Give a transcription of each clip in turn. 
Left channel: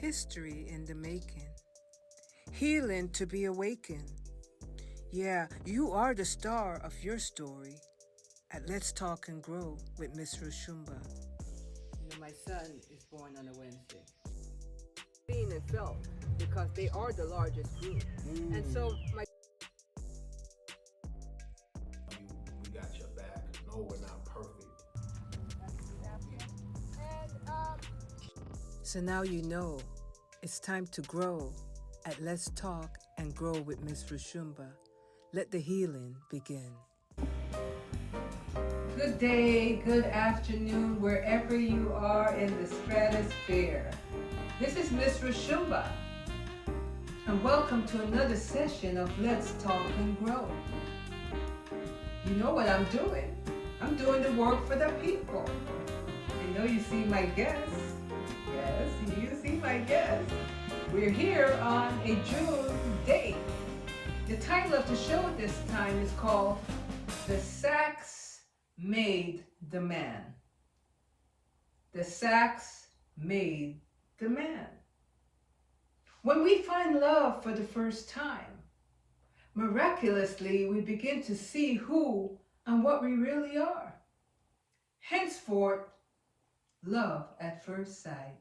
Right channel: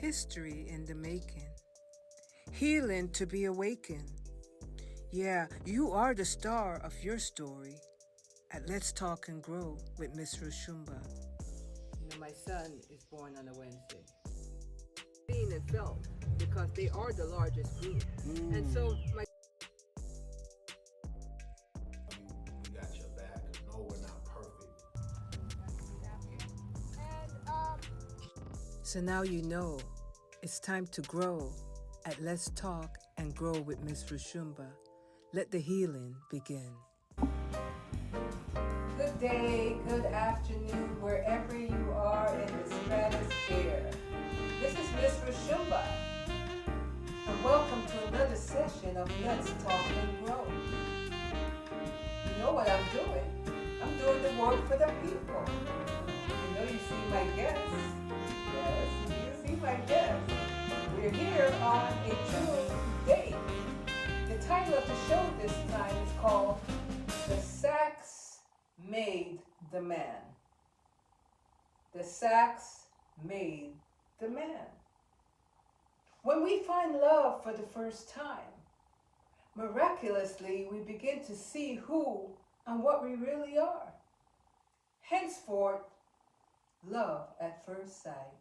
history in the making, healing to be awakened. Yeah, you are the star of your story at Let's Talk and Grow with Miss Roshumba. You know, my son is born on a Wednesday. Seen and felt because they are the largest group. And so my we got your back. No, we're not perfect. So now you know it's time to grow at Let's Talk and Grow with Miss Roshumba. Let the healing begin. Good day, good afternoon, wherever you are in the stratosphere. This is Miss Roshumba, and welcome to another session of Let's Talk and Grow. You know what I'm doing? I'm doing the work for the people. You know, you see my guests. Yes, you see my guests. We're here on a June day. The title of the show this time is called The Sax Made the Man. The Sax Made the Man. When we find love for the first time, miraculously we begin to see who and what we really are. Henceforth, love at first sight.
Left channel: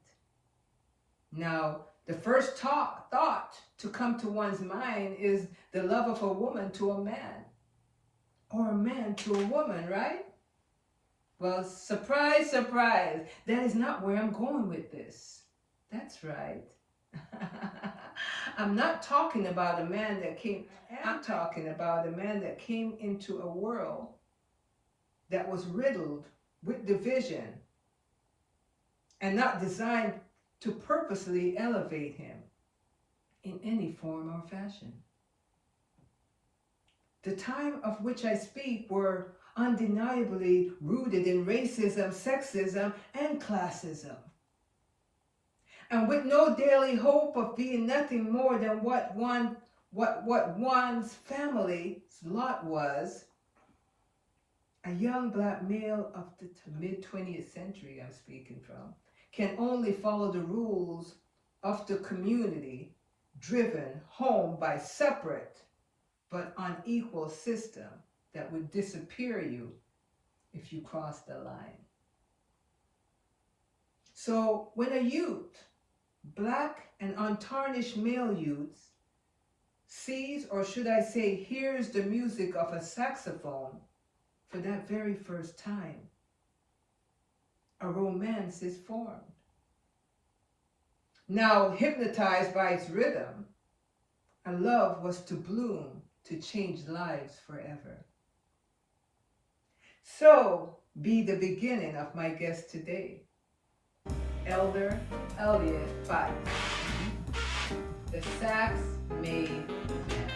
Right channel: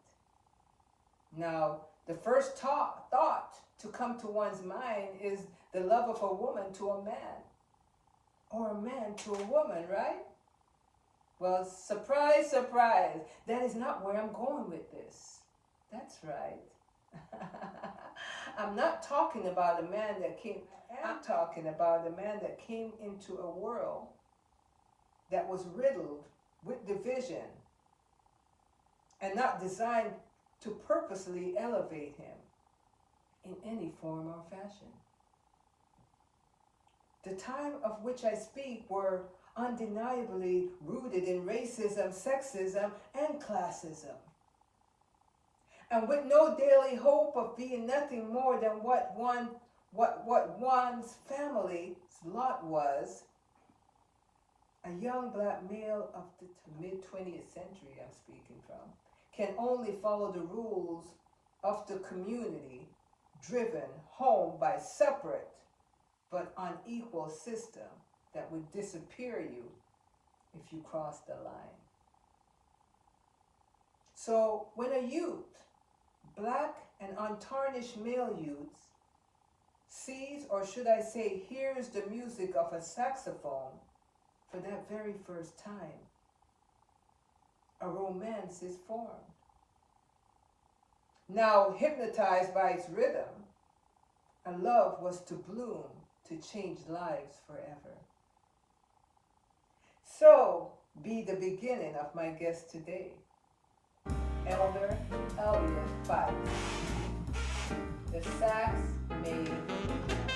Now, the first thought to come to one's mind is the love of a woman to a man, or a man to a woman, right? Well, surprise, surprise, that is not where I'm going with this. That's right. I'm not talking about a man that came, I'm talking about a man that came into a world that was riddled with division and not designed to purposely elevate him in any form or fashion. The time of which I speak were undeniably rooted in racism, sexism, and classism. And with no daily hope of being nothing more than what one's family's lot was, a young black male of the mid-20th century I'm speaking from, can only follow the rules of the community, driven home by separate but unequal system that would disappear you if you cross the line. So when a youth, black and untarnished male youth, sees, or should I say hears, the music of a saxophone for that very first time, a romance is formed. Now, hypnotized by its rhythm, a love was to bloom to change lives forever. So be the beginning of my guest today, Elder Elliot Fikes, the Sax Made Man.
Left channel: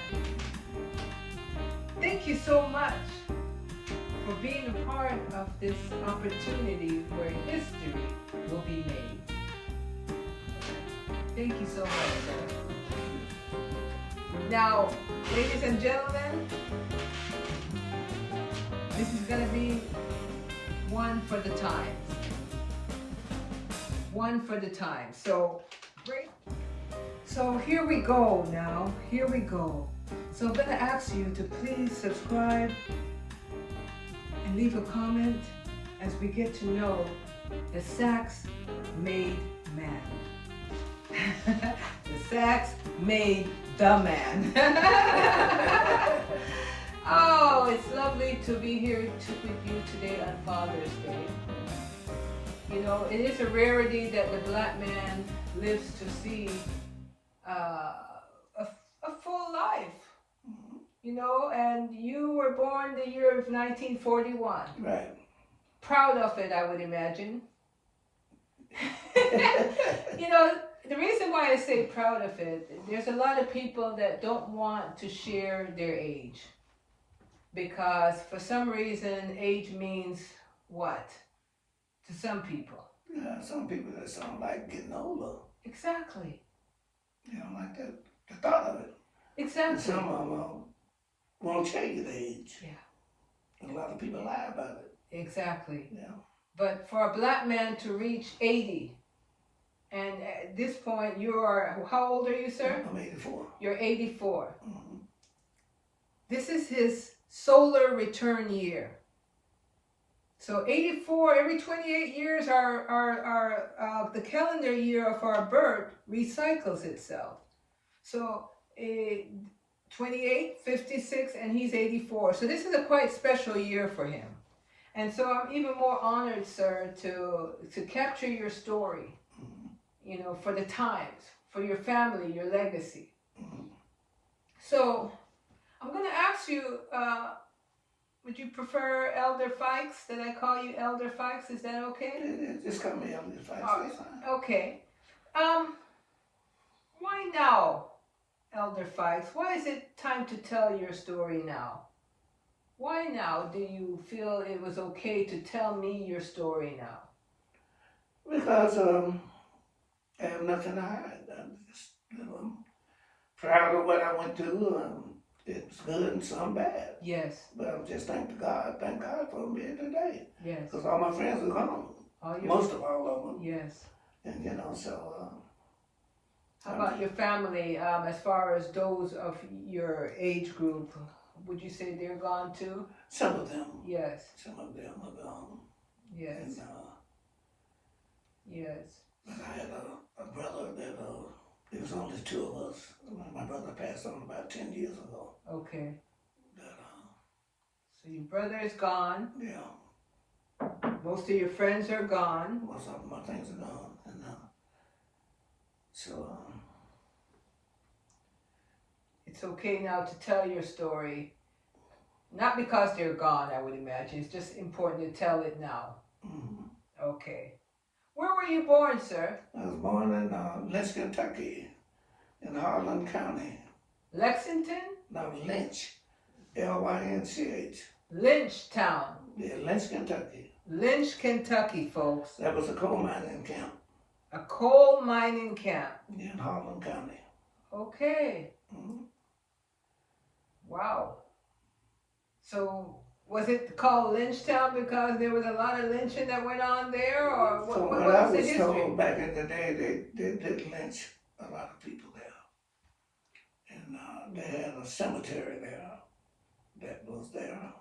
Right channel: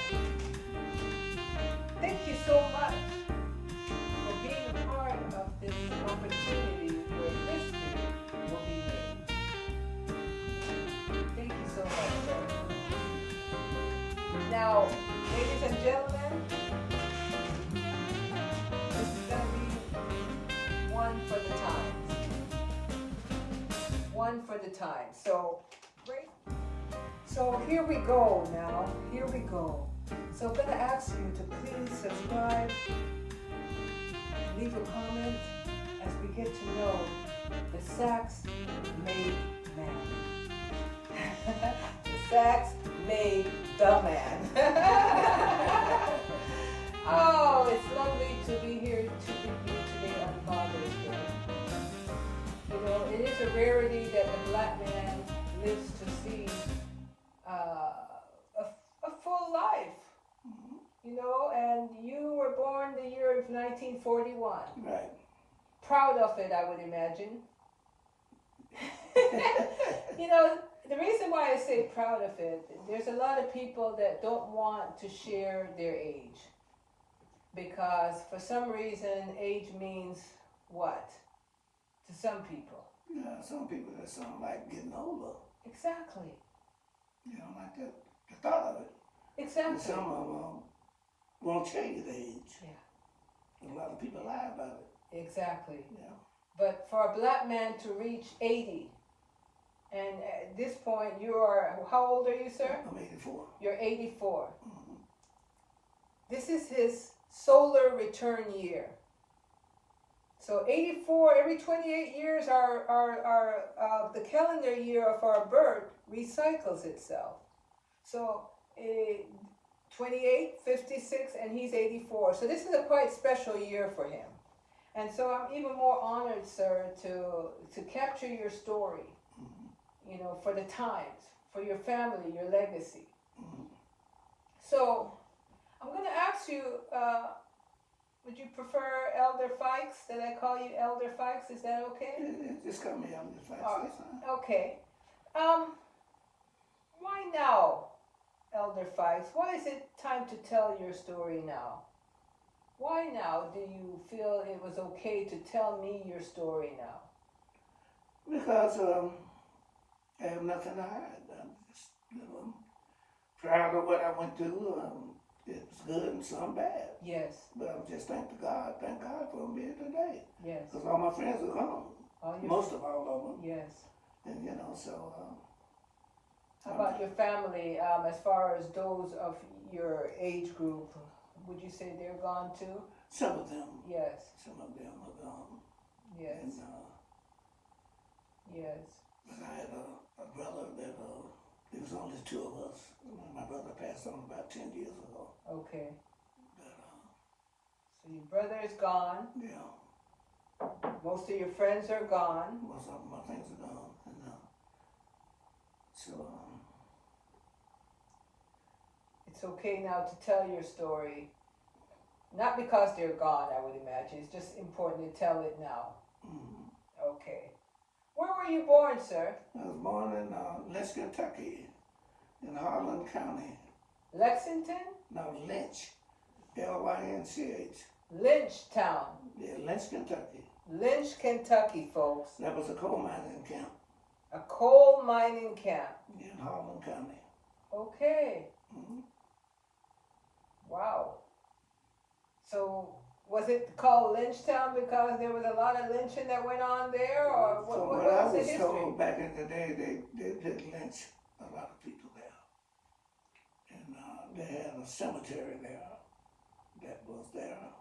Thank you so much for being a part of this opportunity where history will be made. Thank you so much, sir. Now, ladies and gentlemen, this is going to be one for the times. One for the time. So, great. So here we go now. Here we go. So I'm going to ask you to please subscribe and leave a comment as we get to know the Sax Made Man. The Sax Made the Man. Oh, it's lovely to be here with you today on Father's Day. You know, it is a rarity that the black man lives to see a full life. You know, and you were born the year of 1941. Right. Proud of it, I would imagine. You know, the reason why I say proud of it, there's a lot of people that don't want to share their age. Because for some reason, age means what? To some people. Yeah, some people that sound like getting older. Exactly. You know, like that, the thought of it. Exactly. And some of them won't tell you the age. Yeah. And a lot of people lie about it. Exactly. Yeah. But for a black man to reach 80 And at this point, you're, how old are you, sir? I'm 84. You're 84. Mm-hmm. This is his solar return year. So 84, every 28 years, the calendar year of our birth recycles itself. So 28, 56, and he's 84. So this is a quite special year for him. And so I'm even more honored, sir, to capture your story, you know, for the times, for your family, your legacy. So I'm going to ask you, would you prefer Elder Fikes, that I call you Elder Fikes? Is that okay? Just call me Elliot Fikes. Okay. Why now, Elder Fikes? Why is it time to tell your story now? Why now do you feel it was okay to tell me your story now? Because I have nothing to hide. I'm just, you know, proud of what I went through. It's good and some bad. Yes. But I'm just thank God for me today. Yes. Because all my friends are gone. Most of all of them. Yes. And you know, so. How about your family? As far as those of your age group, would you say they're gone too? Some of them. Yes. Some of them are gone. Yes. And, yes. I had a brother that it was only two of us. My brother passed on about 10 years ago. Okay. But, so your brother is gone. yeah. Most of your friends are gone. Most of my things are gone. And so. It's okay now to tell your story. Not because they're gone, I would imagine. It's just important to tell it now. Mm-hmm. Okay. Where were you born, sir? I was born in Lynch, Kentucky, in Harlan County. Lexington? No, Lynch. Lynch. Lynchtown. Yeah, Lynch, Kentucky. Lynch, Kentucky, folks. That was a coal mining camp. A coal mining camp. In Harlan County. Okay. Mm-hmm. Wow. So, was it called Lynchtown because there was a lot of lynching that went on there, or what I was the was history? told back in the day, they did lynch a lot of people there. And they had a cemetery there that was there.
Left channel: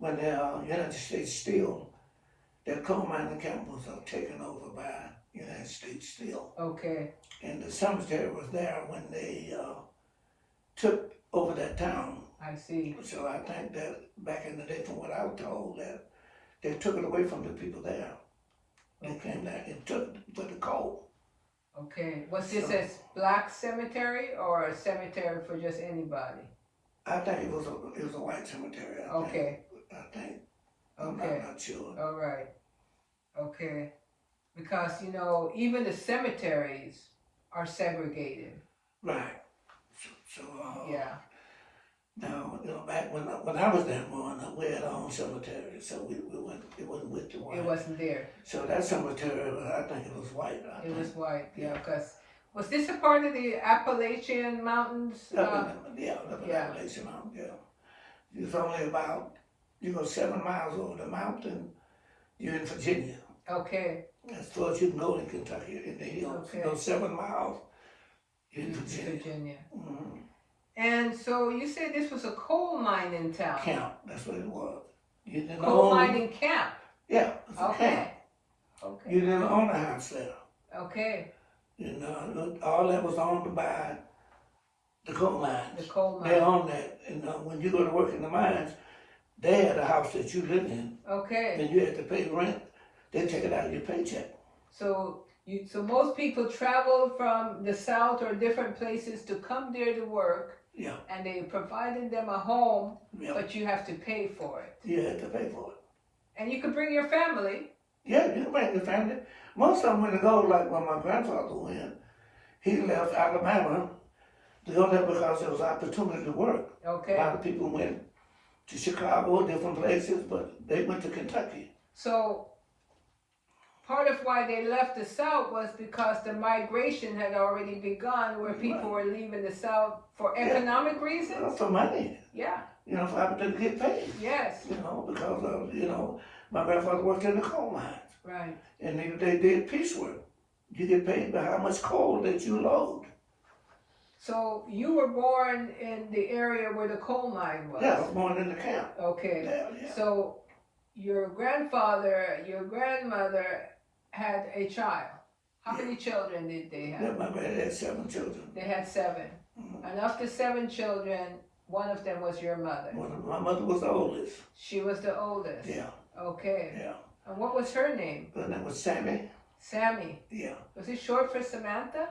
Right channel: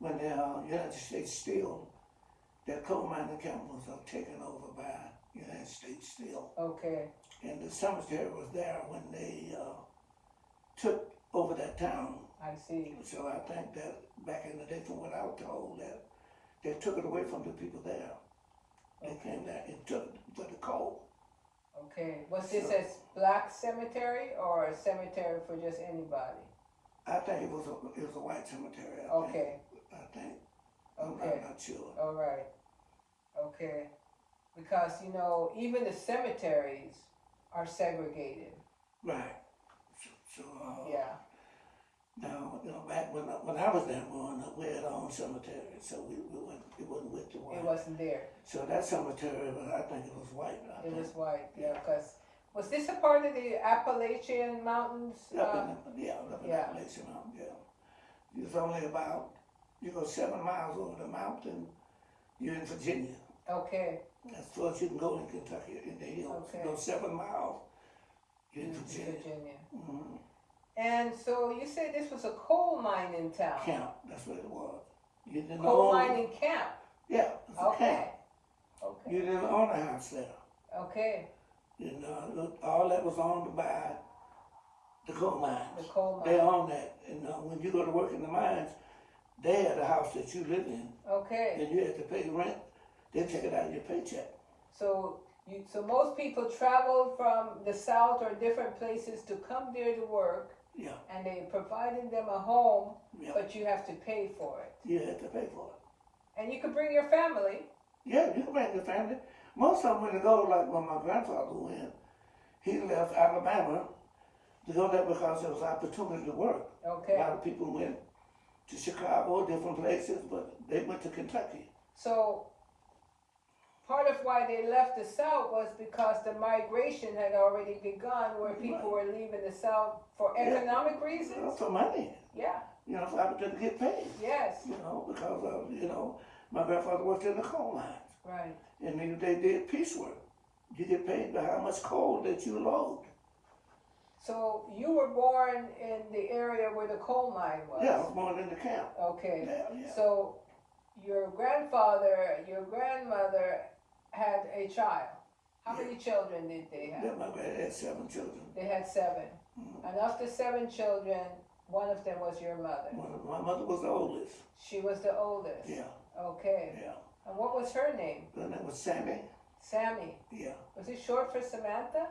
When the United States Steel, that coal mining camp was taken over by United States Steel. Okay. And the cemetery was there when they took over that town. I see. So I think that back in the day, from what I was told, that they took it away from the people there. They came back and took the coal. Okay. Was this a black cemetery or a cemetery for just anybody? I think it was a white cemetery. Okay. I think. Okay. I'm not sure. All right. Okay. Because, you know, even the cemeteries are segregated. Right. So yeah. Now, you know, back when I was there born, we had our own cemetery, so it wasn't with the white. It wasn't there. So that cemetery, I think it was white. It was white, yeah, because, was this a part of the Appalachian Mountains? The Appalachian Mountains, yeah. It's only about, 7 miles over the mountain, you're in Virginia. Okay. As far as you can go in Kentucky, in the hills. Okay. 7 miles, you're in Virginia. Mm-hmm. And so you said this was a coal mining town. Camp, that's what it was. Coal mining camp. Yeah, it's a Okay. camp. Okay. You didn't own a house there. Okay. All that was owned by the coal mines. The coal mines. They owned that. When you go to work in the mines, they had a house that you lived in. Okay. And you had to pay rent. They take it out of your paycheck. So most people travel from the South or different places to come there to work. Yeah. And they provided them a home, Yeah. but you have to pay for it. You had to pay for it. And you could bring your family. Yeah, you can bring your family. Most of them when they go, like when my grandfather went, he left Alabama to go there because there was opportunity to work. Okay. A lot of people went to Chicago, different places, but they went to Kentucky. So part of why they left the South was because the migration had already begun, where people were leaving the South for economic reasons. For money. Yeah. For opportunity to get paid. Yes. Because of, my grandfather worked in the coal mines. Right. and they did piecework. You get paid by how much coal that you load. So you were born in the area where the coal mine was? Yeah, I was born in the camp. Okay. Yeah. So your grandfather, your grandmother had a child. How many children did they have? Yeah, my dad had 7 children. They had 7. Mm-hmm. And of the 7 children, one of them was your mother. My mother was the oldest. She was the oldest? Yeah. Okay. Yeah. And what was her name? Her name was Sammy. Sammy. Yeah. Was it short for Samantha?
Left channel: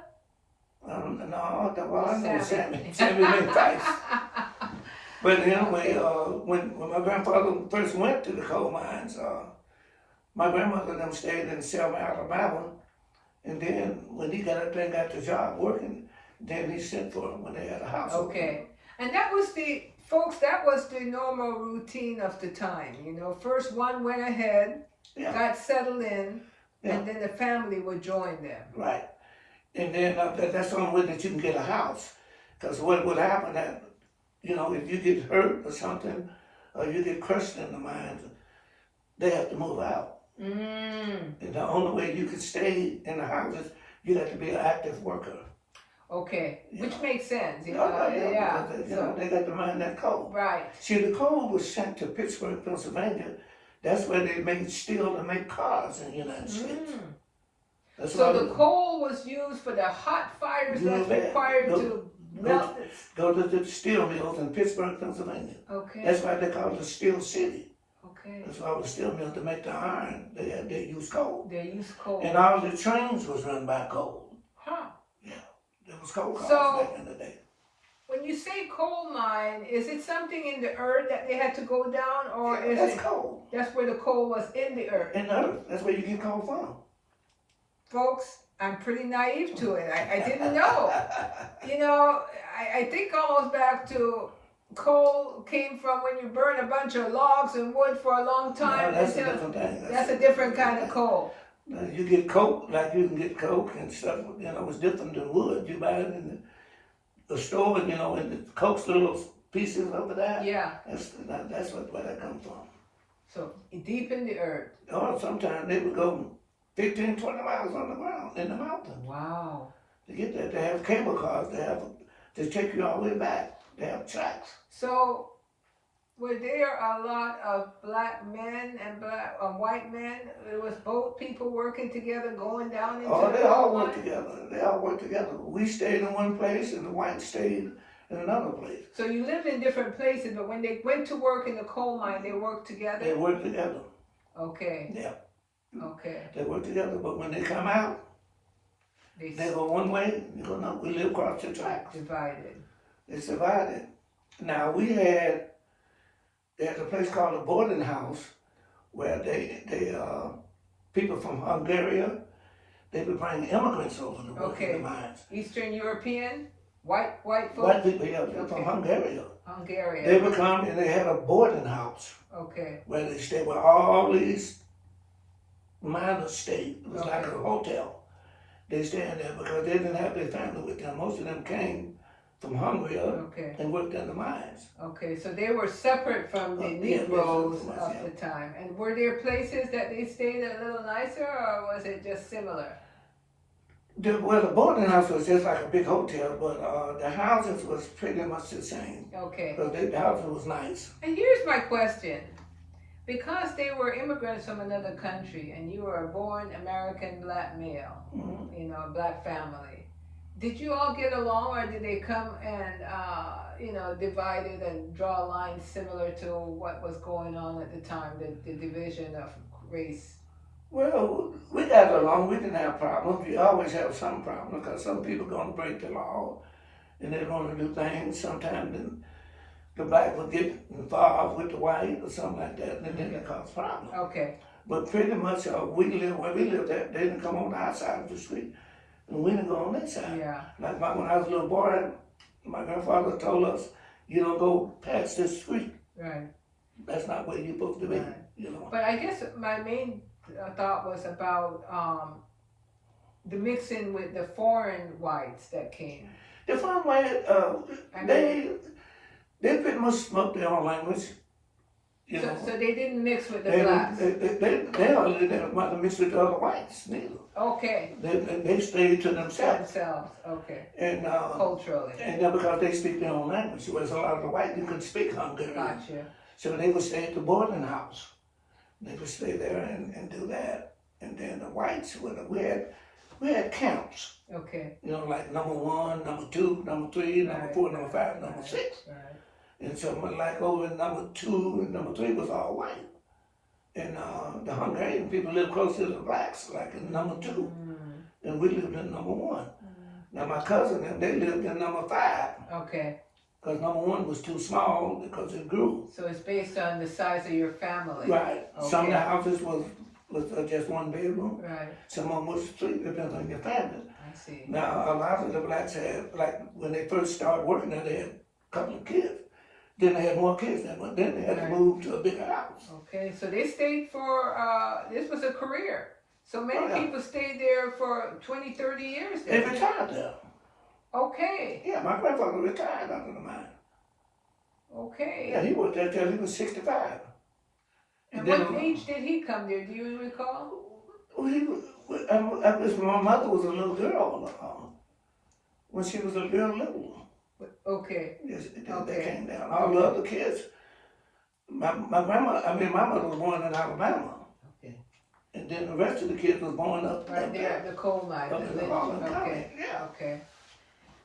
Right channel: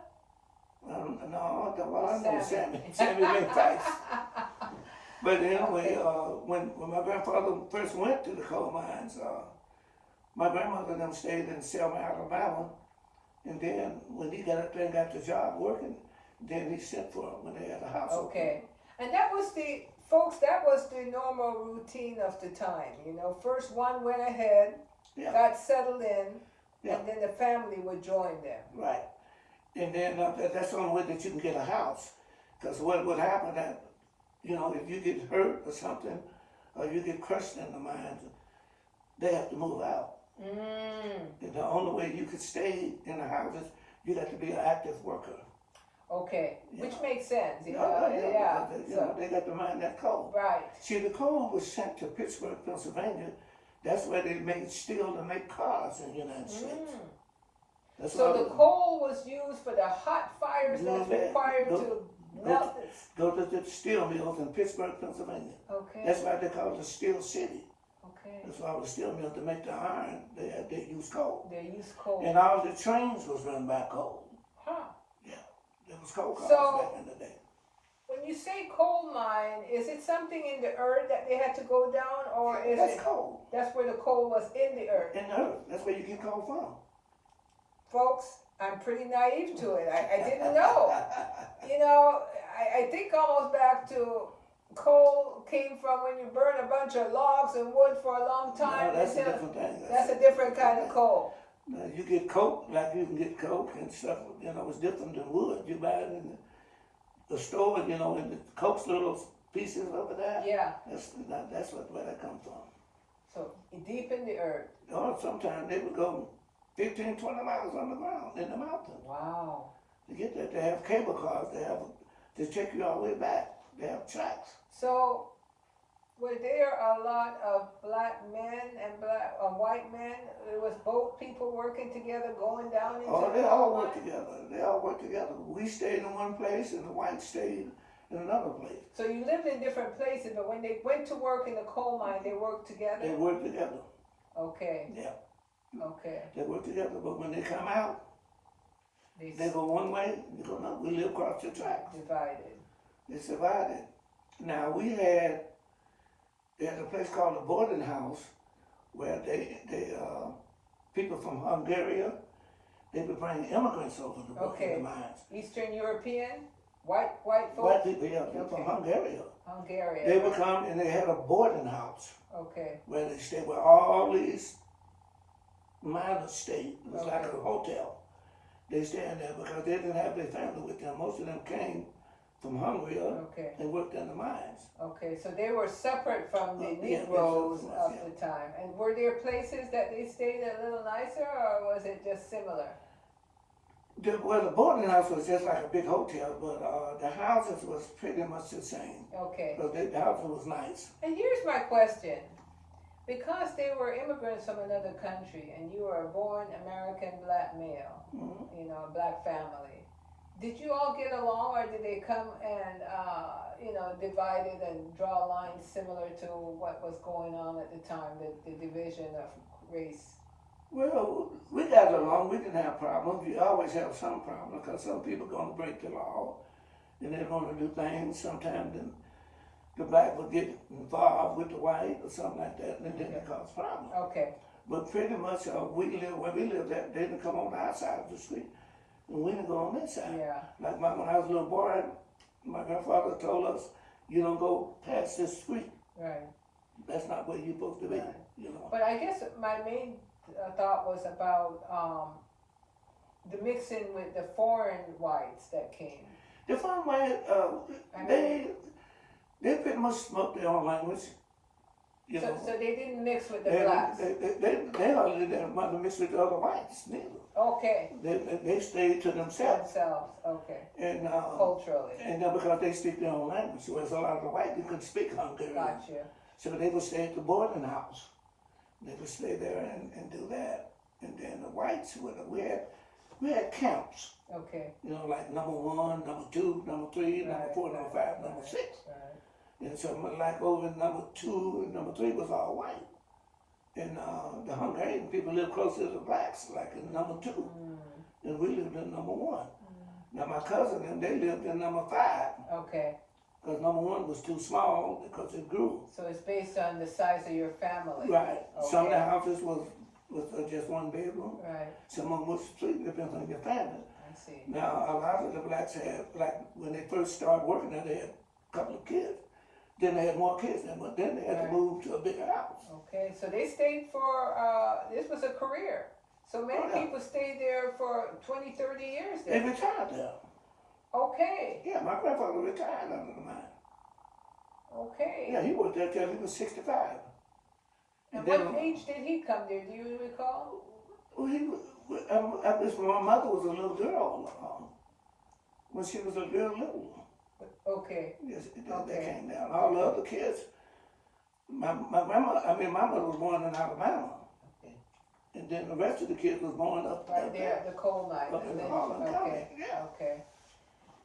No, I know Sammy. Sammy Fikes. But anyway, when my grandfather first went to the coal mines, my grandmother and them stayed in Selma, Alabama. And then when he got the job working, then he sent for him when they had a house. Okay. And that was that was the normal routine of the time. You know, first one went ahead, got settled in, and then the family would join them. Right. And then that's the only way that you can get a house. Because what would happen that, if you get hurt or something, or you get crushed in the mines, they have to move out. And the only way you could stay in the houses, you have to be an active worker. Okay, which makes sense. They got to mine that coal. Right. See, the coal was sent to Pittsburgh, Pennsylvania. That's where they made steel to make cars in the United States. So the coal was used for the hot fires that's required to melt it. Go to the steel mills in Pittsburgh, Pennsylvania. Okay. That's why they call it the Steel City. Okay. That's why the steel mills, to make the iron, they use coal. They use coal. And all the trains was run by coal. Huh. Yeah, there was coal cars back in the day. When you say coal mine, is it something in the earth that they had to go down, or is that's coal? That's where the coal was, in the earth. In the earth. That's where you get coal from. Folks, I'm pretty naive to it. I didn't know. I think almost back to coal came from when you burn a bunch of logs and wood for a long time. No, that's a different thing. That's a different kind of coal. You get coke, like you can get coke and stuff, it's different than wood. You buy it in the store, and the coke's little pieces over there. Yeah. That's where that comes from. So, deep in the earth. Or sometimes they would go 15, 20 miles on the ground in the mountain. Wow. To get there, they have cable cars. They take you all the way back. They have tracks. So, were there a lot of black men and white men? It was both people working together, going down into the they all coal work mine? together. They all work together. We stayed in one place, and the whites stayed in another place. So you lived in different places, but when they went to work in the coal mine, they worked together? They work together. Okay. Yeah. Okay. They work together, but when they come out, they go one way. You go, no, we live across the tracks. Divided. It's divided. Now there's a place called a boarding house where they people from Hungary, they would bring immigrants over to work in the mines. Eastern European, white folks. White people, from Hungary. Hungarian. They would come and they had a boarding house. Okay. Where they stayed where all these miners stayed. It was like a hotel. They stayed in there because they didn't have their family with them. Most of them came from Hungary and worked in the mines. Okay, so they were separate from the Negroes of the time. And were there places that they stayed a little nicer, or was it just similar? The boarding house was just like a big hotel, but the houses was pretty much the same. Okay. Because the houses was nice. And here's my question. Because they were immigrants from another country, and you were a born American black male, a black family, did you all get along, or did they come and, divided and draw lines similar to what was going on at the time, the division of race? Well, we got along. We didn't have problems. You always have some problems because some people going to break the law and they're going to do things. Sometimes the black will get involved with the white or something like that, and then it cause problems. Okay. But pretty much where we lived at, they didn't come on our side of the street, and we didn't go on their side. Yeah. Like when I was a little boy, my grandfather told us, you don't go past this street. Right. That's not where you're supposed to be. Right. But I guess my main thought was about the mixing with the foreign whites that came. The foreign white, they pretty much spoke their own language. You know, So they didn't mix with the they blacks. didn't want to mix with the other whites neither. Okay. They stayed to For themselves. themselves. Okay. And Culturally. and then because they speak their own language, whereas a lot of the white people could speak Hungarian. Gotcha. So they would stay at the boarding house. They would stay there and do that. And then the whites we had camps. Okay. You know, like number 1, number 2, number 3, number 4, number 5, number 6. Right. And so like over in number 2 and number 3 was all white. And the Hungarian people lived close to the blacks, like in number 2. And we lived in number 1. Now my cousin, they lived in number 5. Okay. Because number 1 was too small because it grew. So it's based on the size of your family. Right. Okay. Some of the houses was just 1 bedroom. Right. Some of them was 3, depends on your family. I see. Now a lot of the blacks had, like when they first started working there, they had a couple of kids. Then they had more kids than, but then they had to move to a bigger house. Okay, so they stayed for, this was a career. So many people stayed there for 20, 30 years. They retired there. Okay. Yeah, my grandfather retired under the mine. Okay. Yeah, he worked there till he was 65. And what age did he come there? Do you recall? Well, he was, I guess my mother was a little girl when she was a real little. Okay. Yes, they came down. All the other kids, my mother was born in Alabama. Okay. And then the rest of the kids was born up there at the coal mine. Up in the Baldwin County, yeah. Okay.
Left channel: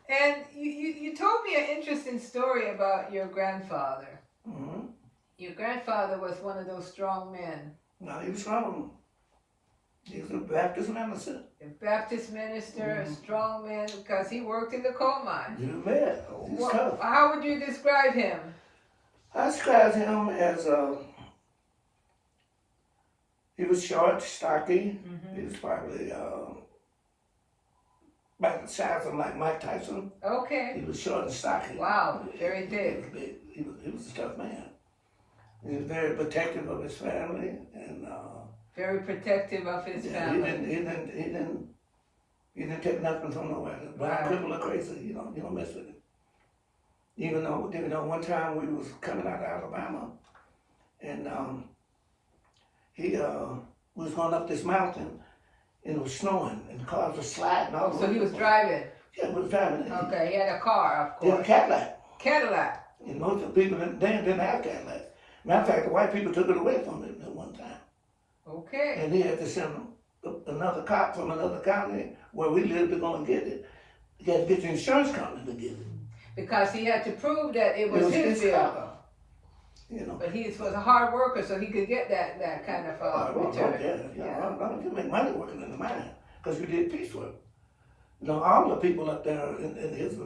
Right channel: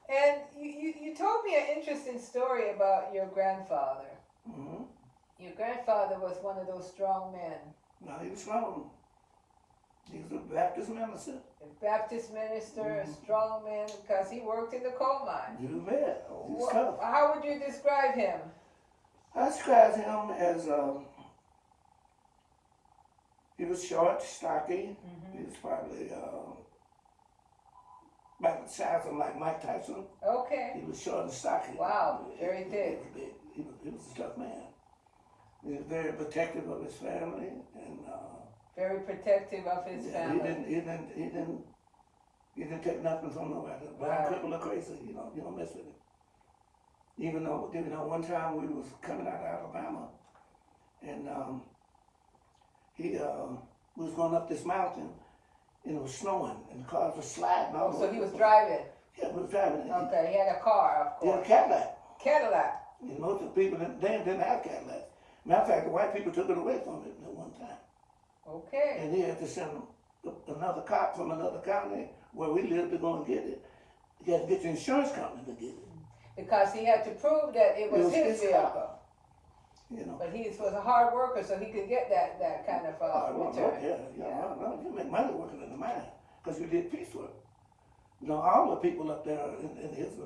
And you told me an interesting story about your grandfather. Mm-hmm. Your grandfather was one of those strong men. No, he was strong. He was a Baptist minister. A Baptist minister, a strong man, because he worked in the coal mine. You bet. He's tough. How would you describe him? I described him as he was short, stocky. He was probably about the size of like Mike Tyson. Okay. He was short and stocky. Wow, very thick. He was a tough man. He was very protective of his family and very protective of his family. He didn't take nothing from nobody. But people are crazy, you don't mess with him. Even though one time we was coming out of Alabama and he was going up this mountain and it was snowing and the cars were sliding. So he was driving? Yeah, he was driving. Okay, he had a car, of course. He had a Cadillac. Cadillac? And most of the people didn't have Cadillacs. Matter of fact, the white people took it away from him at one time. Okay. And he had to send another cop from another county where we lived to go and get it. He had to get the insurance company to get it. Because he had to prove that it was his vehicle. You know. But he was a hard worker, so he could get that kind of return. You make money working in the mine because you did piecework. You know, all the people up there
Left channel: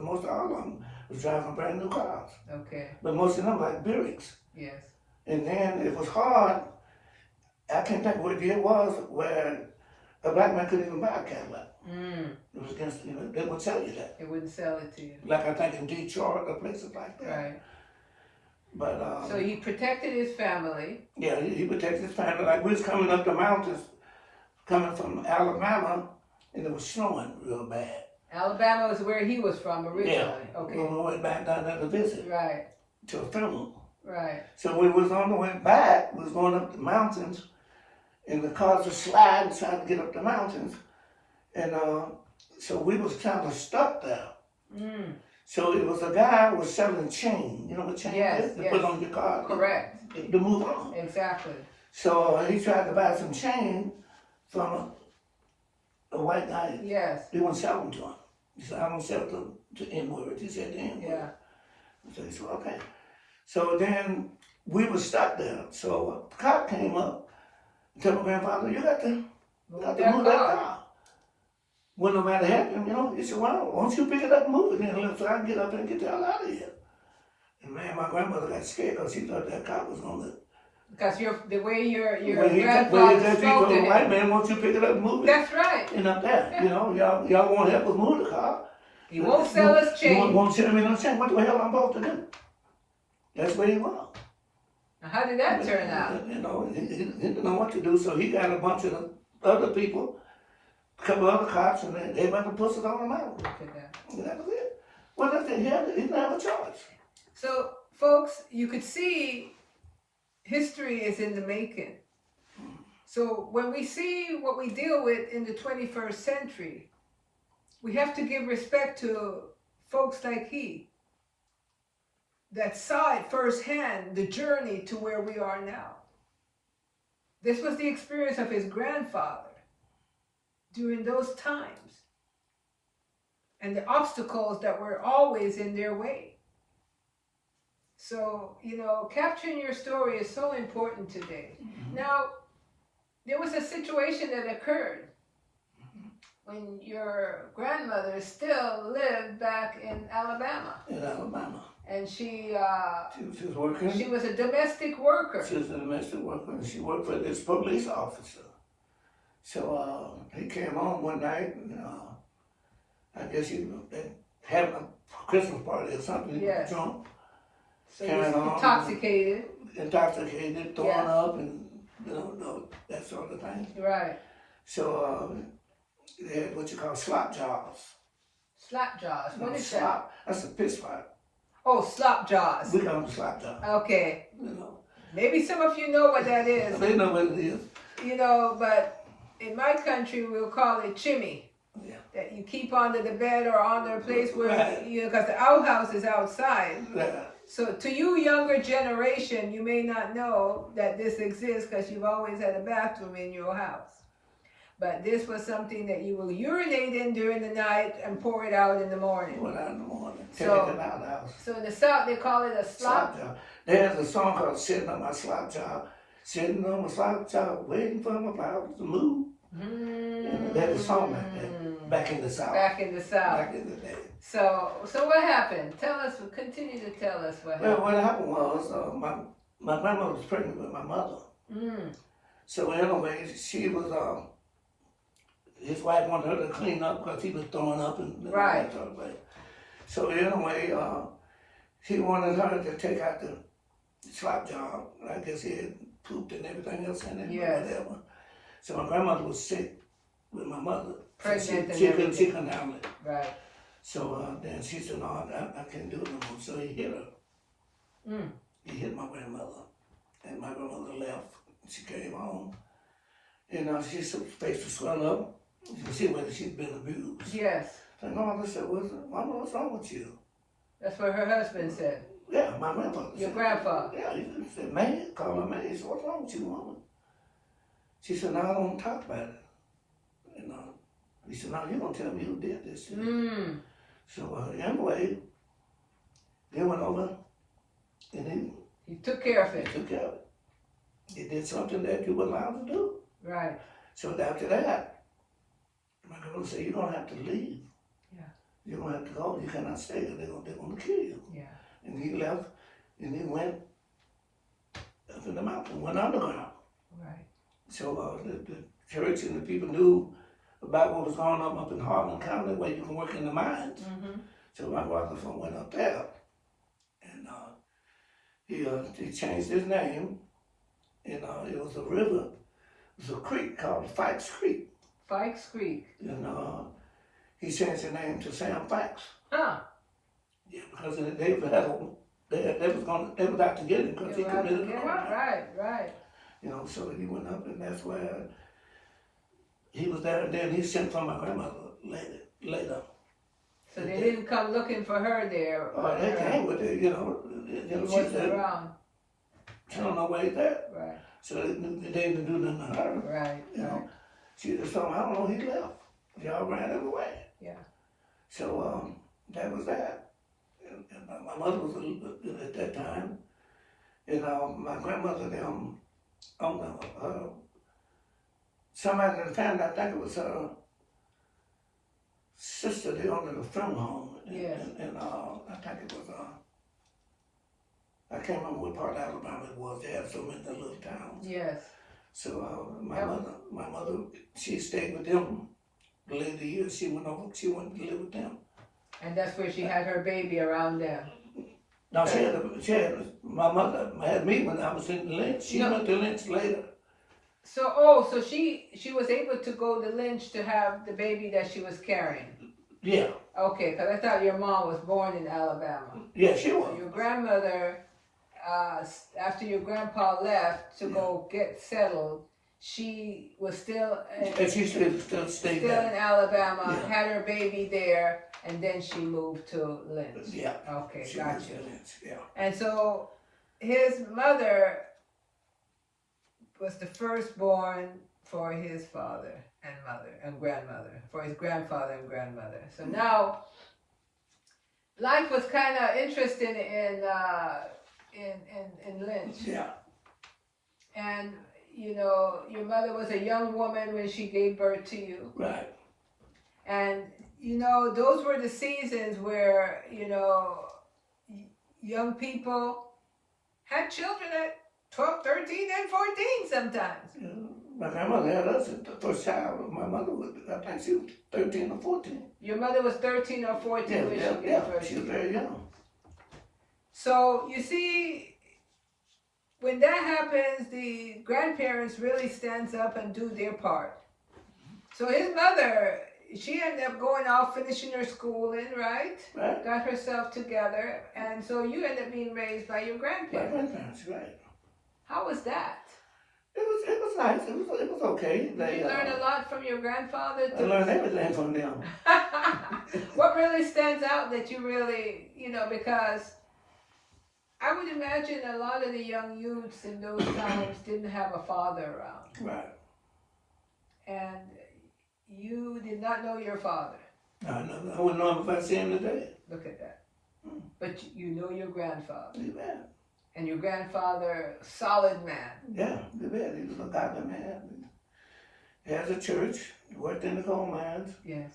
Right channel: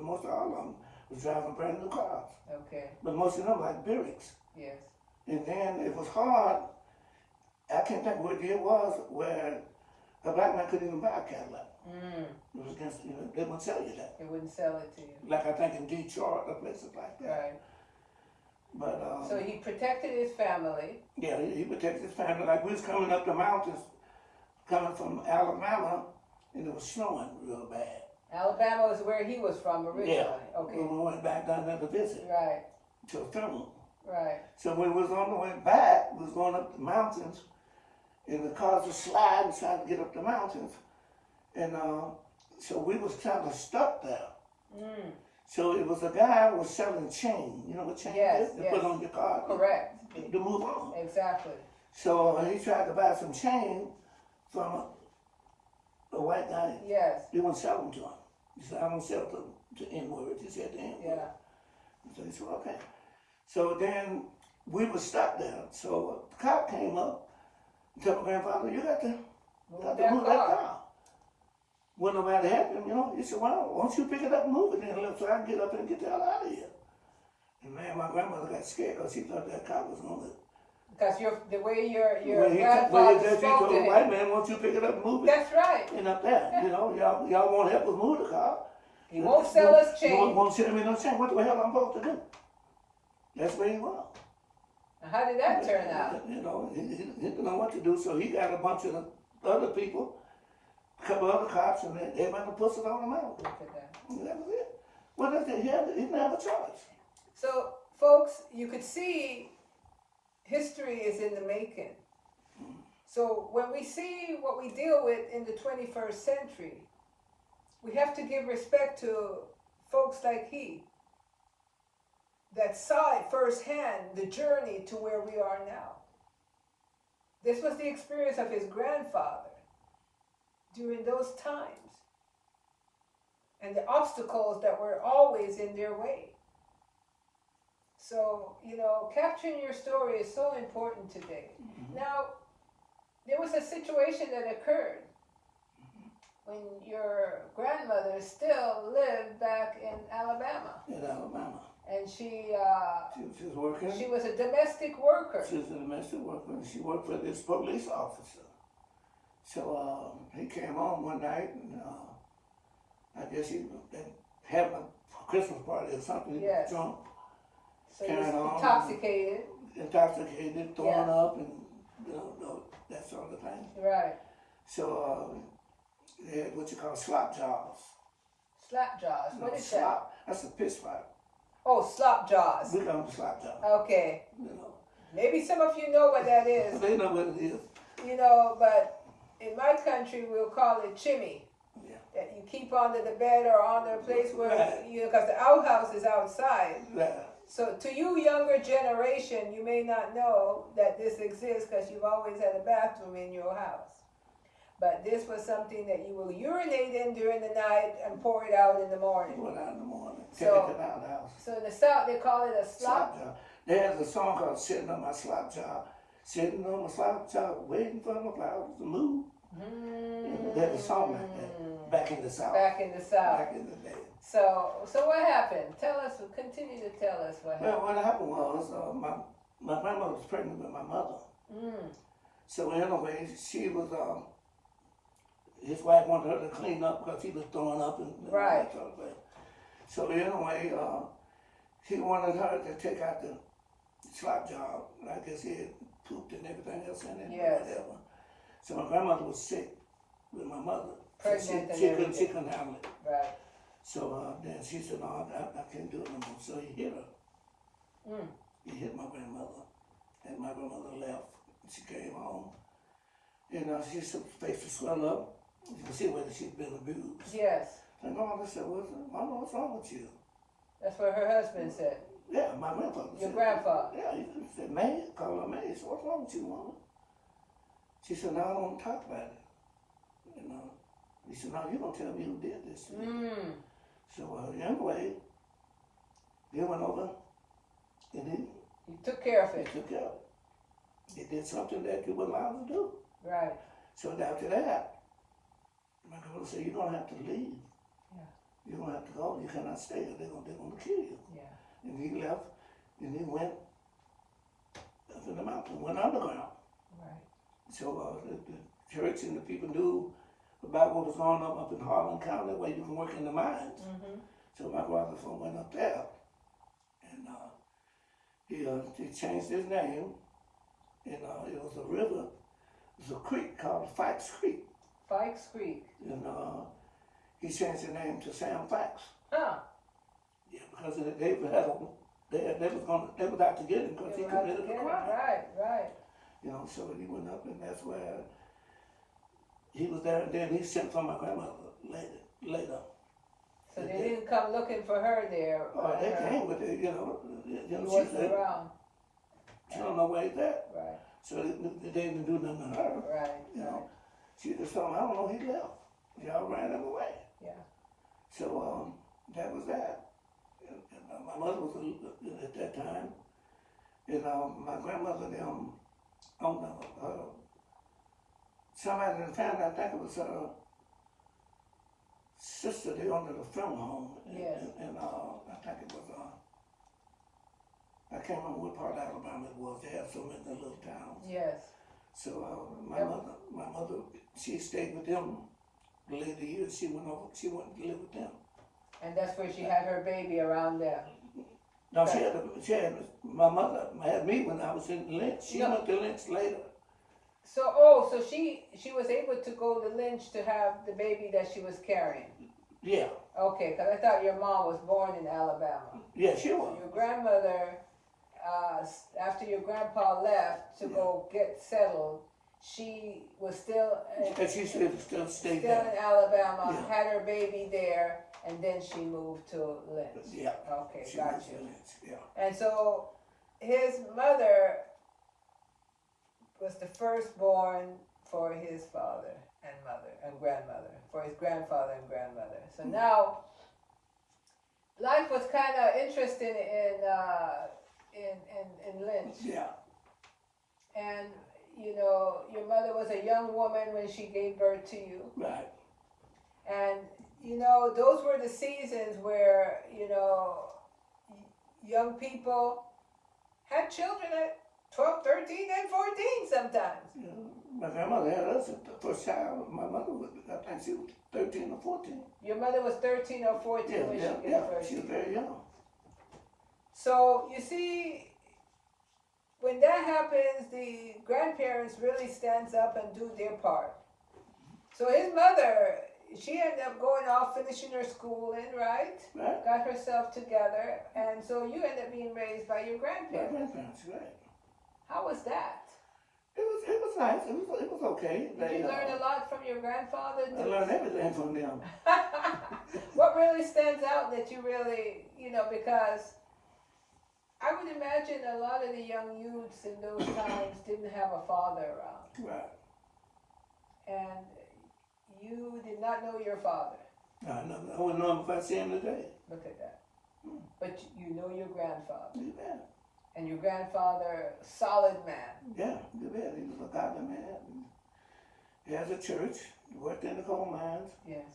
most of all of them was driving brand new cars. Okay. But most of them like Buicks. Yes. And then it was hard. I can't think what year it was where a black man couldn't even buy a Cadillac. It was against, they wouldn't sell you that. They wouldn't sell it to you. Like I think in Detroit or places like that. Right. But so he protected his family. Yeah, he protected his family. Like we was coming up the mountains, coming from Alabama, and it was snowing real bad. Alabama was where he was from originally. Yeah. Okay. We went back down there to visit. Right. To a funeral. Right. So when we was on the way back, we was going up the mountains, and the cars were sliding, trying to get up the mountains, and so we was kind of stuck there. So it was a guy who was selling chain. You know what chain is? To put on your car. Correct. To move on. Exactly. So he tried to buy some chain from a white guy. Yes. He wouldn't sell them to him. He said, I don't sell to N-words. He said the N-word. Yeah. So he said, okay. So then we were stuck there. So the cop came up and told my grandfather, you got to move that car. When nobody had him, he said, well, why don't you pick it up and move it then so I can get up and get the hell out of here. And man, my grandmother got scared because she thought that cop was going to... Because the way your grandfather spoke to him. White man, won't you pick it up and move it? That's right. And up there, y'all won't help us move the car. He won't sell us chain. Won't sell me no chain. What the hell I'm supposed to do? That's where he was. How did that turn out? He didn't know what to do, so he got a bunch of other people, a couple other cops, and they went to push it on him out. Look at that. And that was it. Well, that's it. He didn't have a choice. So, folks, you could see history is in the making. So when we see what we deal with in the 21st century, we have to give respect to folks like he that saw it firsthand, the journey to where we are now. This was the experience of his grandfather during those times and the obstacles that were always in their way. So, capturing your story is so important today. Now, there was a situation that occurred when your grandmother still lived back in Alabama. In Alabama. And she was working. She was a domestic worker. She was a domestic worker, and she worked for this police officer. So he came home one night, and I guess he had a Christmas party or something. Yes. Drunk. So he was intoxicated. Intoxicated, throwing up, and that sort of thing. Right. So they had what you call slop jaws. Slap jaws. What is slop, that? That's a piss fight. Oh, slop jaws. We call them slop jaws. Okay. Maybe some of you know what that is. They know what it is. But in my country we'll call it chimney. Yeah. That you keep under the bed or under a place where, right. Because the outhouse is outside. Right. So to you younger generation, you may not know that this exists because you've always had a bathroom in your house. But this was something that you will urinate in during the night and pour it out in the morning. Pour it out in the morning. Take it to the outhouse. So in the South, they call it a slop. There's a song called Sitting on My Slop Job. Sitting on my slop job, waiting for my powers to move. And there's a song like that. Back in the South. Back in the South. Back in the day. So what happened? Continue to tell us what happened. Well, what happened was, my grandmother was pregnant with my mother. So anyway, she was, his wife wanted her to clean up because he was throwing up and right. that sort of way. So anyway, he wanted her to take out the slop job. I guess he had pooped and everything else in it, yes. or whatever. So my grandmother was sick with my mother. Pregnant she couldn't handle it. Right. So then she said, no, I can't do it no more. So he hit her. He hit my grandmother. And my grandmother left. She came home. And her face was swelled up. You can see whether she'd been abused. Yes. So my mother said, what's wrong with you? That's what her husband said. Yeah, my grandfather Your said. grandfather? Yeah, he said, man, call her man. He said, what's wrong with you, woman? She said, no, I don't want to talk about it. He said, no, you're going to tell me who did this. So anyway, they went over and he took care of it. He took care of it. He did something that you were allowed to do. Right. So after that, my grandmother said, you don't have to leave. Yeah. You don't have to go. You cannot stay. They're going to kill you. Yeah. And he left, and he went up in the mountain, went underground. Right. So the church and the people knew about what was going on up in Harlan County, where you can work in the mines. So my father went up there, and he changed his name, and it was a river, it was a creek called Fikes Creek. Fikes Creek. And he changed his name to Sam Fikes. Huh. Yeah, because they was out to get him because he committed a crime. Right. So he went up, and that's where he was there, and then he sent for my grandmother later. So they didn't come looking for her there. They came with it, She was around. She don't know where he's at. Right. So they didn't do nothing to her. Right. She just told me, I don't know, he left. Y'all ran him away. Yeah. So that was that. And my mother was at that time, and my grandmother, somebody in the family, I think it was her sister, they owned a film home. Yes. And I think it was, I can't remember what part of Alabama it was. They had so many little towns. Yes. So my mother, she stayed with them the later years. She went to live with them. And that's where she had her baby around them. No, my mother had me when I was in Lynch. She went to Lynch later. So she was able to go to Lynch to have the baby that she was carrying. Yeah. Okay, because I thought your mom was born in Alabama. Yeah, she was. So your grandmother after your grandpa left to go get settled, she was still And she still stayed still there. in Alabama, Yeah. had her baby there, and then she moved to Lynch. Yeah. Okay, She gotcha. was in it, yeah. And so his mother was the firstborn for his father and mother and grandmother, for his grandfather and grandmother. So now life was kind of interesting in Lynch. Yeah. And you know, your mother was a young woman when she gave birth to you. Right. And you know, those were the seasons where, you know, young people had children at 12, 13, and 14 sometimes. Yeah. My grandmother had us at the first child. My mother was, I think she was 13 or 14. Your mother was 13 or 14 Yeah, when yeah, she gave yeah. birth She to was you. very young. So you see, when that happens, the grandparents really stands up and do their part. So his mother, she ended up going off, finishing her schooling, right? Right. Got herself together, and so you ended up being raised by your My grandparents. grandparents, right. How was that? It was nice. It was okay. Did you learn a lot from your grandfather? I learned everything from them. What really stands out that you really, you know, because I would imagine a lot of the young youths in those times didn't have a father around. Right. And you did not know your father. I wouldn't know him if I see him today. Look at that. But you know your grandfather. You bet. And your grandfather, solid man. Yeah, you bet. He was a godly man. He has a church. He worked in the coal mines. Yes.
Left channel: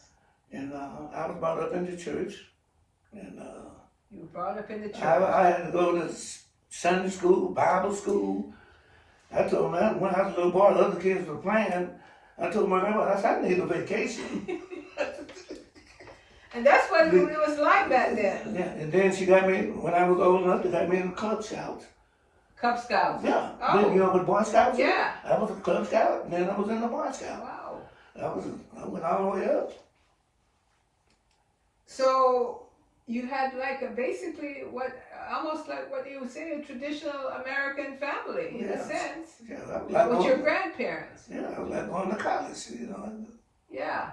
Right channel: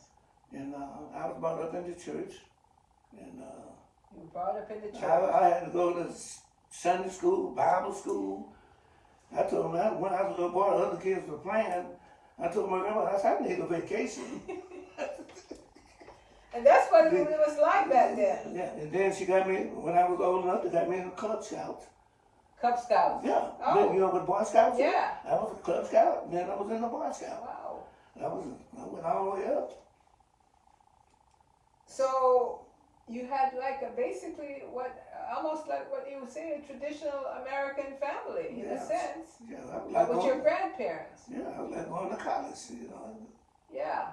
And I was brought up in the church. And You were brought up in the church. I had to go to Sunday school, Bible school. I told my, when I was a little boy, the other kids were playing. I told my grandma, I said, I need a vacation. And that's what it was like back then. Yeah, and then she got me, when I was old enough, they got me in the Cub Scouts. Cub Scouts. Yeah. Oh. Then, you know what Boy Scouts is? Yeah. I was a Cub Scout, and then I was in the Boy Scout. Wow. I went all the way up. So you had like a basically almost like what you would say a traditional American family in a Yes. sense. Yeah, I was But like with your going, grandparents. yeah, I was like going to college, you know. Yeah.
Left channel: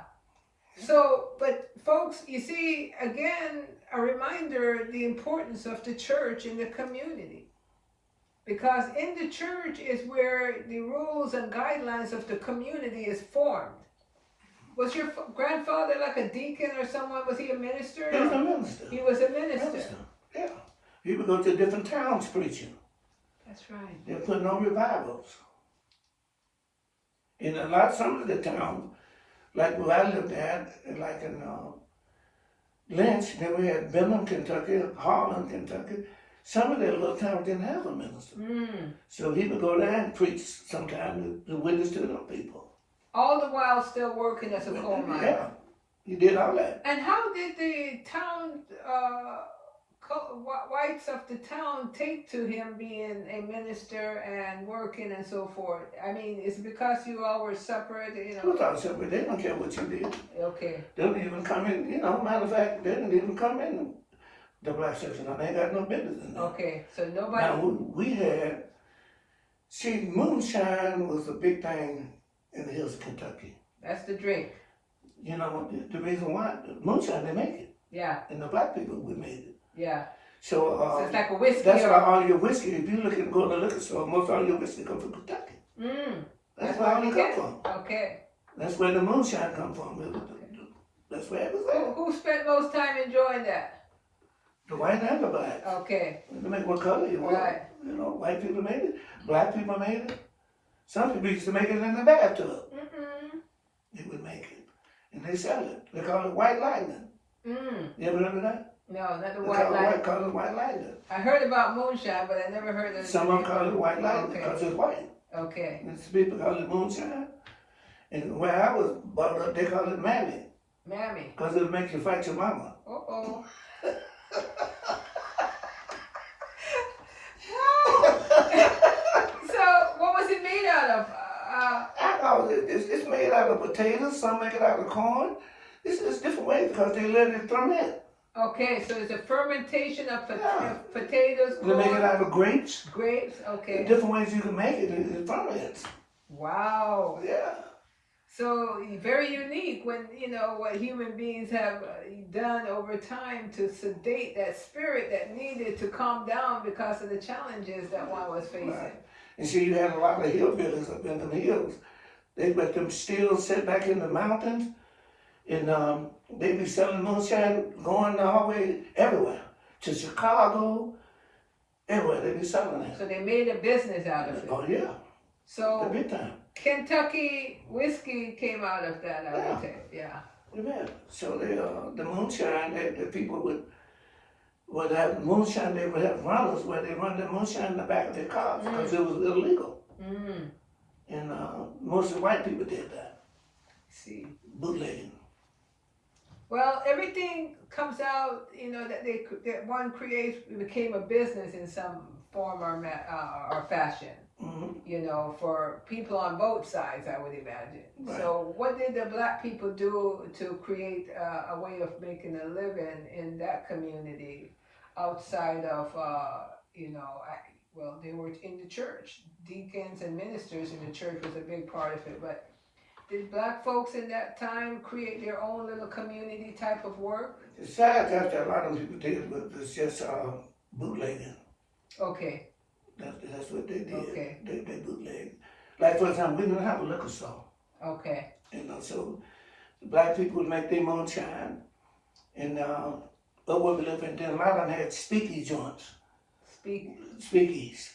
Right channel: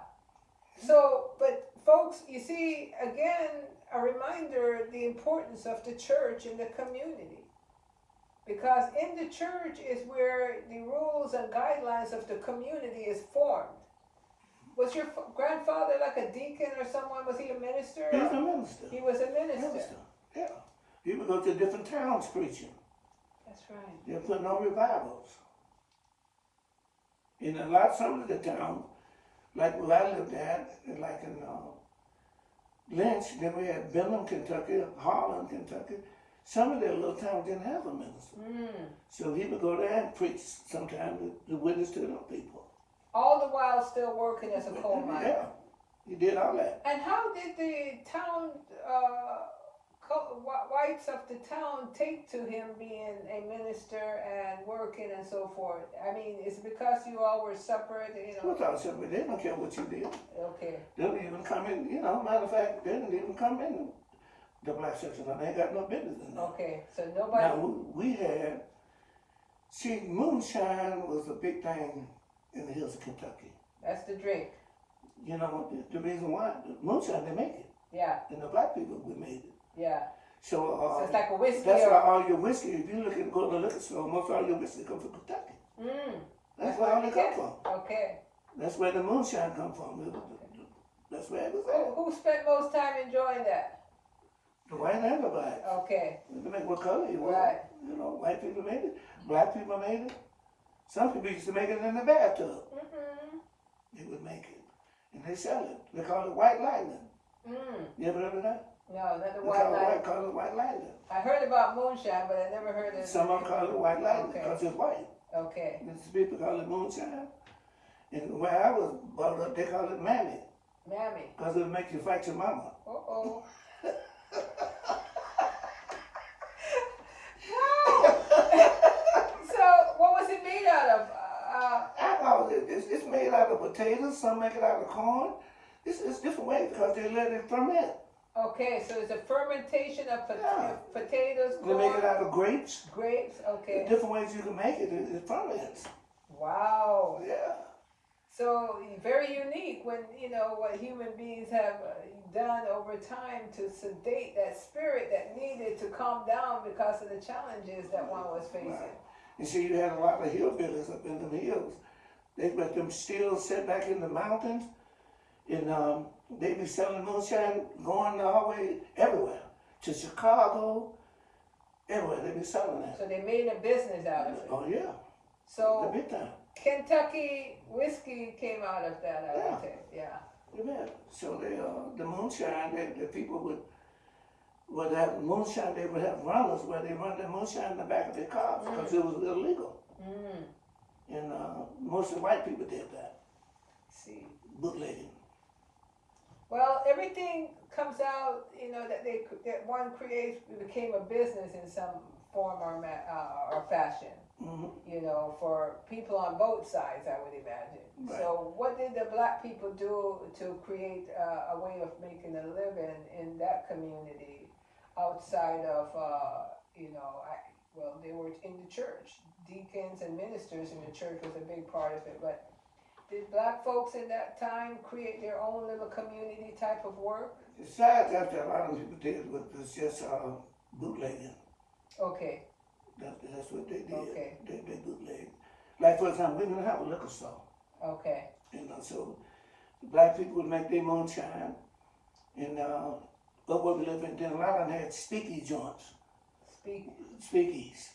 So, but folks, you see, again, a reminder the importance of the church in the community. Because in the church is where the rules and guidelines of the community is formed. Was your grandfather like a deacon or someone? Was he a minister? He was a minister. He was a minister. Yeah. He would go to different towns preaching. That's right. They're putting on revivals. In some of the towns, like where I lived at, like in Lynch, then we had Benham, Kentucky, Harlan, Kentucky. Some of their little towns didn't have a minister. So he would go there and preach sometimes to witness to them people. All the while still working as a coal miner. Yeah, he did all that. And how did the town, whites of the town take to him being a minister and working and so forth? I mean, is it because you all were separate, you We know? thought separate. They don't care what you did. Okay. They don't even come in, you know, matter of fact, they didn't even come in the black section. They ain't got no business in there. Okay, so nobody. Now, we had, see, moonshine was a big thing in the hills of Kentucky. That's the drink. You know, the reason why, moonshine, they make it. Yeah, And the black people, we made it. yeah. So, So it's like a whiskey. that's or- why all your whiskey, if you look and go to the liquor store, most all your whiskey come from Kentucky. That's where all we it get. come from. Okay. That's where the moonshine come from. That's where it was at. Who spent most time enjoying that? The white and the black. Okay. You make what color you want. Right. You know, white people made it, black people made it. Some people used to make it in the bathtub. They would make it. And they sell it. They call it white lightning. You ever heard of that? No, not the They white line. call it white lightning. I heard about moonshine, but I never heard of. Some of them call it white lightning Okay. because it's white. Okay. And some people call it moonshine. And where I was brought up, they call it mammy. Mammy. Because it'll make you fight your mama. Uh-oh. So, what was it made out of? I know it's made out of potatoes, some make it out of corn. It's different ways because they let it ferment. Okay, so it's a fermentation of Yeah. potatoes, They make it corn, out of grapes. grapes. Okay. Different ways you can make it. It ferments. Wow. Yeah. So very unique when what human beings have done over time to sedate that spirit that needed to calm down because of the challenges that one was facing. Right. And see, you had a lot of hillbillies up in the hills. They let them still sit back in the mountains, and they be selling moonshine, going all the way everywhere to Chicago, everywhere they be selling it. So they made a business out of it. Oh yeah, the So big time. Kentucky whiskey came out of that, I would say. Yeah. Yeah. So they, the moonshine, the people would have moonshine. They would have runners where they run the moonshine in the back of their cars because it was illegal. Mm. And most of the white people did that. See. Bootlegging. Well, everything comes out, that one creates, became a business in some form or fashion. Mm-hmm. For people on both sides, I would imagine. Right. So what did the black people do to create a way of making a living in that community outside of, they were in the church. Deacons and ministers in the church was a big part of it. But did black folks in that time create their own little community type of work? Besides that, a lot of people did, but it's just bootlegging. Okay. That's what they did. Okay. They bootleg. Like for example, we didn't have a liquor store. Okay. So the black people would make their moonshine, and up where we live in, then a lot of them had speakeasy joints. Speakeasy.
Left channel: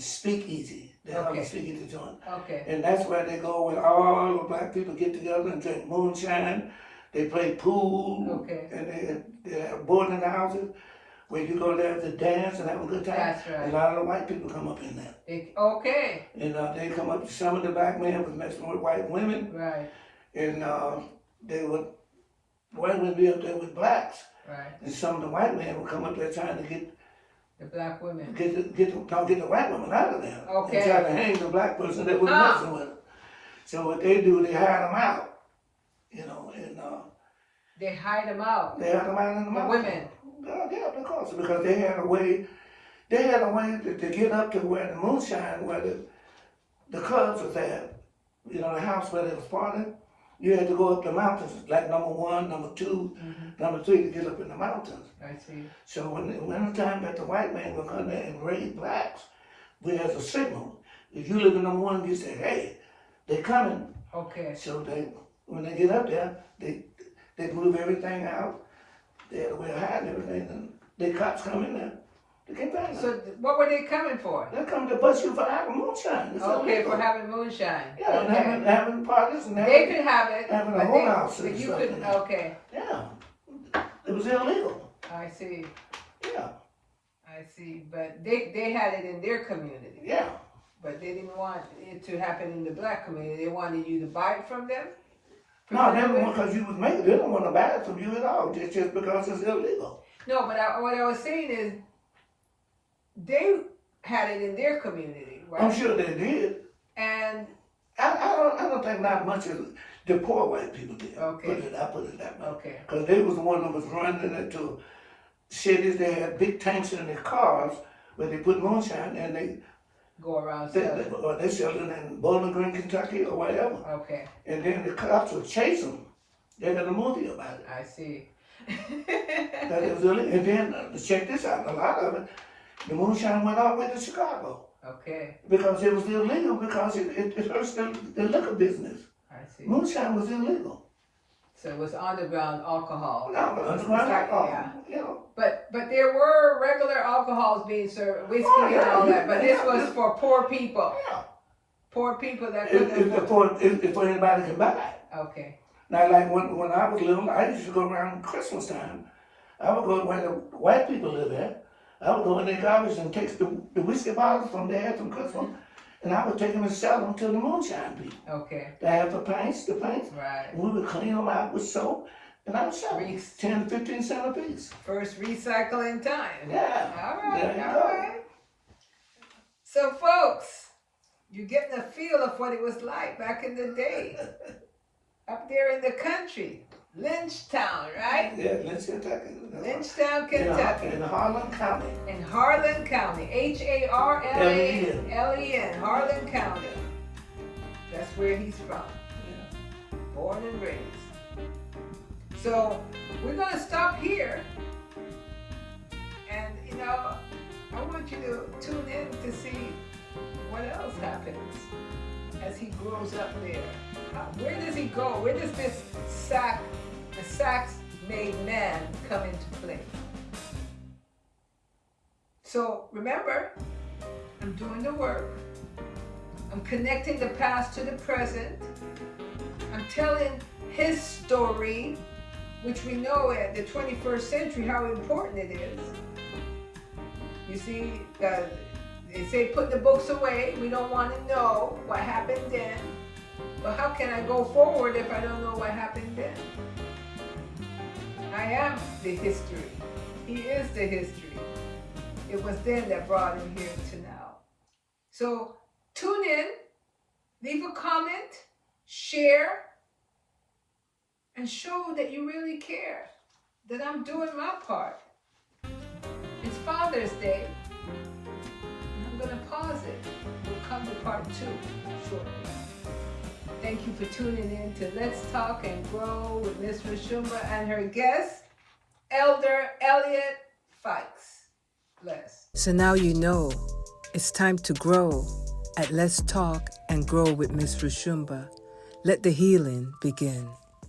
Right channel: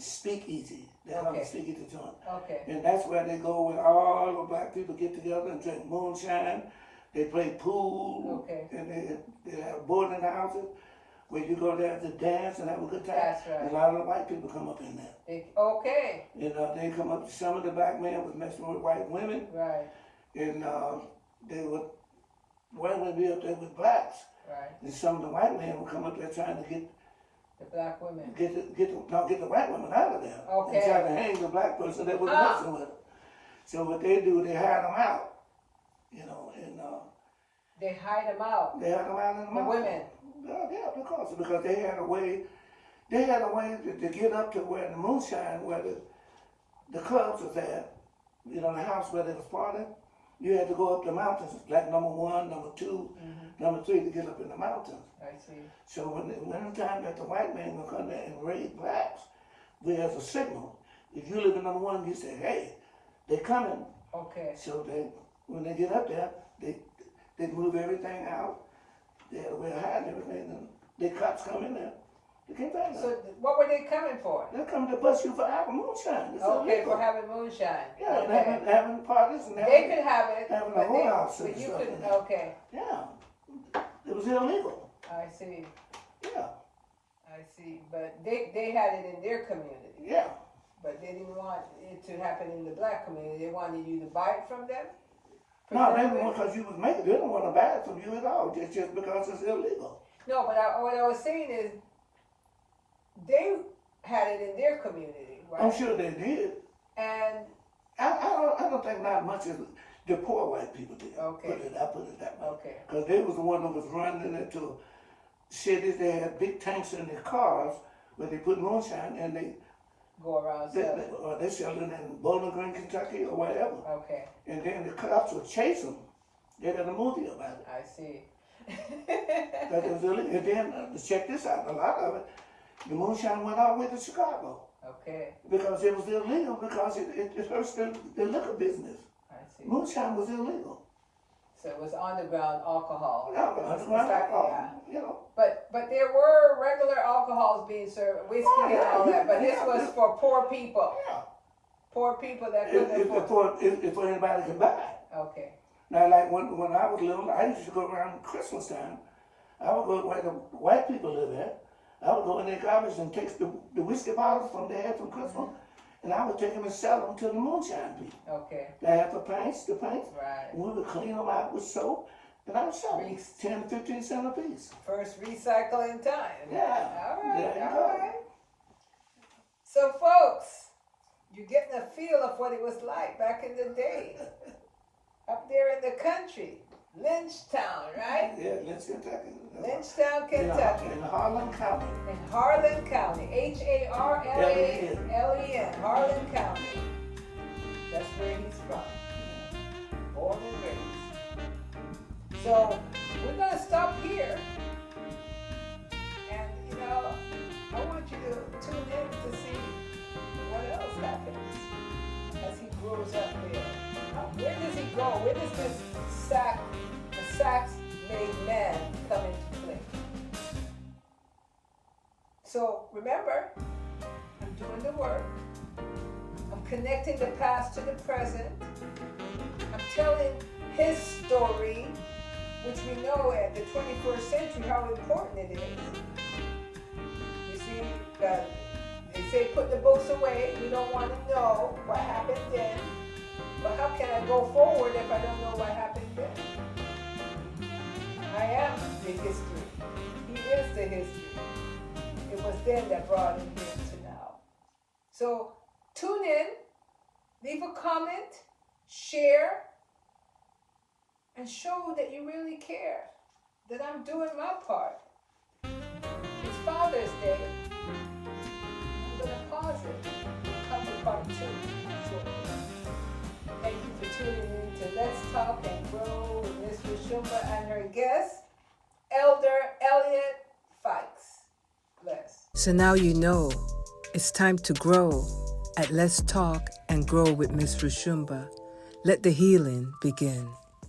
Speakeasy. They have Okay. a speakeasy joint. Okay. And that's where they go when all the black people get together and drink moonshine. They play pool. Okay. And they have boarding houses where you go there to dance and have a good time. That's right. And a lot of the white people come up in there. Okay. And they come up, some of the black men was messing with white women. Right. And white women be up there with blacks. Right. And some of the white men would come up there trying to get The black women. get the white women out of there. Okay. And try to hang the black person that was messing with them. So what they do, they hide them out. And They hide them out. they hide them out in the mountains. women. Yeah, of course, because they had a way to get up to where the moonshine, where the clubs was at, the house where they was partying. You had to go up the mountains, like number 1, number 2, number 3 to get up in the mountains. I see. So when the time that the white man would come there and raid blacks, we had a signal. If you live in number 1, you say, hey, they coming. Okay. So when they get up there, they move everything out. They had a way of hiding everything, and the cops come in there. They can't find them. So what were they coming for? They come to bust you for having moonshine. It's Okay, illegal. for having moonshine. Yeah, and Okay. having parties and They could have it, having a but whole house but and you stuff. couldn't. Okay. Yeah, it was illegal. I see. Yeah, I see. But they had it in their community. yeah. But they didn't want it to happen in the black community. They wanted you to buy it from them? No, they don't want, because you was making. They don't want to buy it from you at all, just because it's illegal. No, but what I was saying is they had it in their community, right? I'm sure they did. And I don't think not much of the poor white people did. Okay. I put it that way. okay. Because they was the one that was running into cities. They had big tanks in their cars where they put moonshine, and they Go around selling. they sell it in Bowling Green, Kentucky, or whatever. Okay. And then the cops would chase them. They got a movie about it. I see. That it was illegal. And then check this out. A lot of it, the moonshine went all the way to Chicago Okay. because it was illegal because it hurts the liquor business. I see. Moonshine was illegal. So it was underground alcohol. No, underground alcohol. Yeah. But there were regular alcohols being served, whiskey and all that. But this was for poor people. Yeah. Poor people that couldn't afford. If anybody can buy it. Okay. Now, like when I was little, I used to go around Christmas time. I would go where the white people live at. I would go in their garbage and take the whiskey bottles from there from Christmas, and I would take them and sell them to the moonshine people. Okay. They have the pints. Right. And we would clean them out with soap, and I would sell them 10, 15 cents a piece. First recycling time. Yeah. All right. There you All go. right. So, folks, you're getting a feel of what it was like back in the day. Up there in the country, Lynchtown, right? Yeah, Kentucky. Lynchtown, Kentucky. In Harlan County. In Harlan County. Harlan, Harlan County. That's where he's from. Born and raised. So we're going to stop here. And, I want you to tune in to see what else happens as he grows up there. Where does he go? Where does the sax-made man come into play? So remember, I'm doing the work. I'm connecting the past to the present. I'm telling his story, which we know at the 21st century how important it is. You see, they say put the books away. We don't want to know what happened then. But how can I go forward if I don't know what happened then? I am the history. He is the history. It was then that brought him here to now. So tune in, leave a comment, share, and show that you really care, that I'm doing my part. It's Father's Day. I'm going to pause it. We'll come to part 2 shortly. Thank you for tuning in to Let's Talk and Grow with Miss Roshumba and her guest, Elder Elliot Fikes. Bless. So now you know it's time to grow at Let's Talk and Grow with Miss Roshumba. Let the healing begin.